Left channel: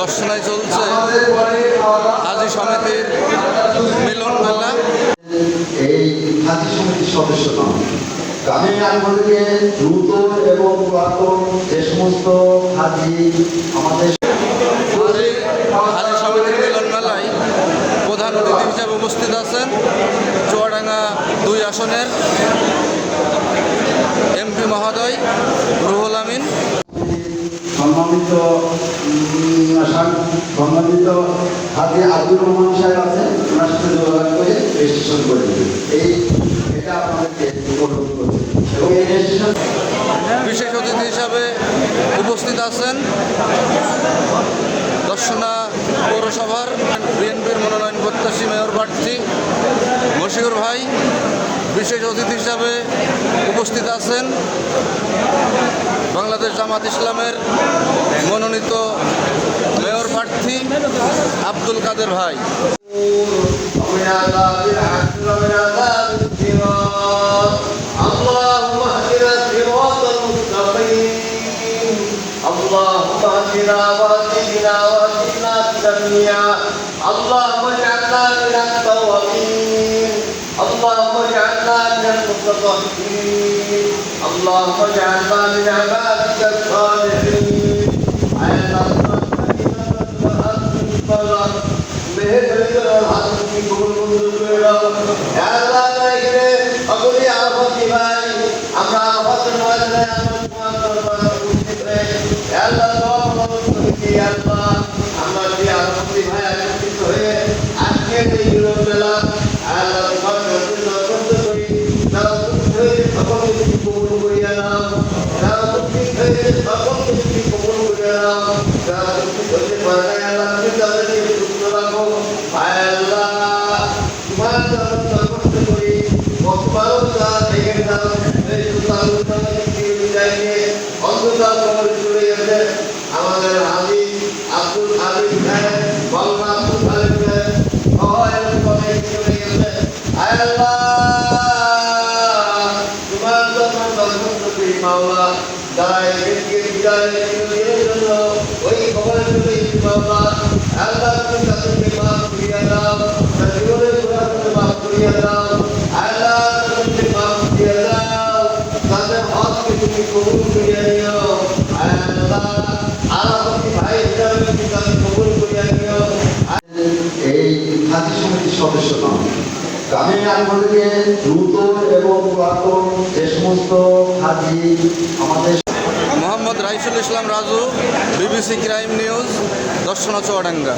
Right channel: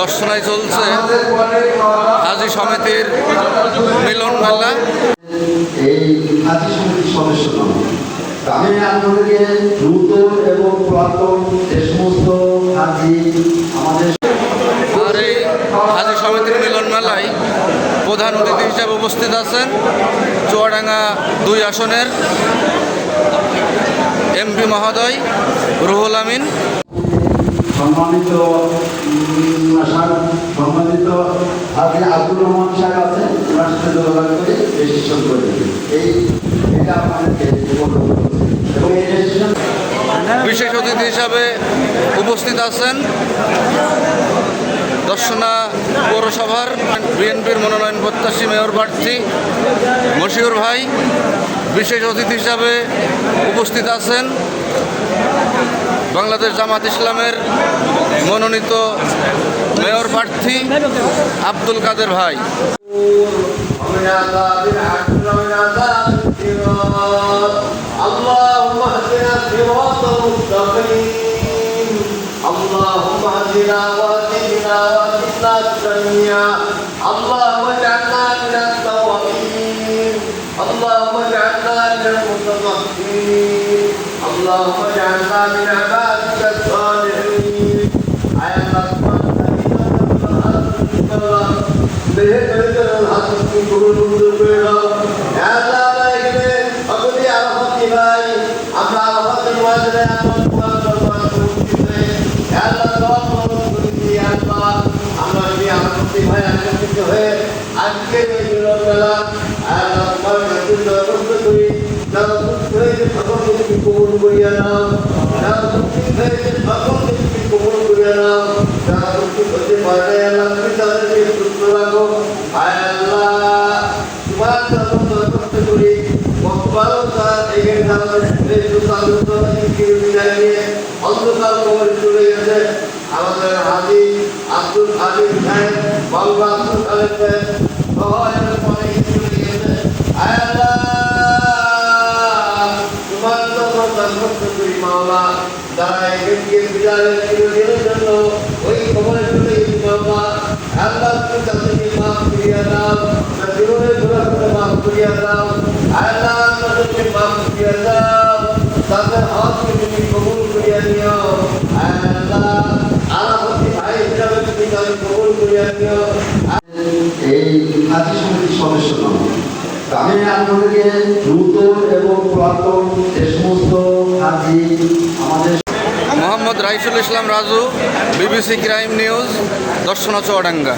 দর্শনায় চলছে হাজী সমিতির মিলন মেলা। এই হাজী সমিতির সদস্য নয়, আমি আপনাদেরকে দ্রুত এবং পুরাতন যে সমস্ত হাজী আমাদের হাজী সমিতির মিলন মেলায় প্রধান অতিথি হিসাবে উপস্থিত আছেন চুয়াডাঙ্গা ২ আসনের এমপি মহোদয় রুহুল আমিন। সম্মানিত হাজী আব্দুর রহমান সাহেব আছে, ওনার সাথে যোগাযোগ করে রেজিস্ট্রেশন করে দেবেন। এটা আপনাদেরকে এবং এই রেজিস্ট্রেশন বিশেষ অতিথি হিসাবে উপস্থিত আছেন দর্শনা পৌরসভার বিএনপির মনোনয়ন প্রত্যাশী মেয়র প্রার্থী মশিউর ভাই। বিশেষ অতিথি হিসাবে উপস্থিত আছেন বাংলাদেশ জামাত ইসলামের মনোনীত মেয়র প্রার্থী আব্দুল কাদের ভাই। اللهم اهدنا واهدنا واهدنا سميا اللهم اجعلنا من التوابين اللهم اجعلنا من المتطهرين اللهم اجعلنا من عبادك الصالحين على আমরা যদি আনন্দিত ভাই আনন্দিত হয়ে আজকে যে মিলন মেলা তোমার করি সকল কিছু কবুল করিয়া নাও, যারা দুঃখিত হয়েছে সকল কিছু কবুল করিয়া নাও, যারা দুঃখিত হতে পারে নাই আল্লাহ তুমি তাদেরকে সুস্থ রাখো। আল্লাহ তোমার যখন দরখাস্ত করি বর্তমানও তারা থেকে বিদায় নিয়ে অন্ধকার কবরে চলে গেছে আমাদের হাজী আব্দুল হাবিব সাহেব, বাংলা আব্দুল হাবিব সাহেব সবাই চলে গেছে। আল্লাহ তোমার যখন দরখাস্ত করি মাওলা যারা এগিয়ে বিদায়ের জন্য ওই খবরে চলে গেছি মাওলা, আল্লাহ তুমি তাদেরকে মাফ করিয়া দাও, জীবনের ঘোরাঘুরে মাফ করিয়া দাও। আল্লাহ তাদেরকে মাফ করিয়া দাও, তাদের হককে তুমি কবুল করিয়া নিও। আল্লাহ আলাপতি ভাই হিসাবে তুমি তাদের কবুল করিয়া নিও। এই হাজী সমিতির সদস্য নয়, আমি আপনাদেরকে দ্রুত এবং পুরাতন যে সমস্ত হাজী আমাদের Mohammad Raisul Islam Raju, BBC crime news, Darshana Chuadanga.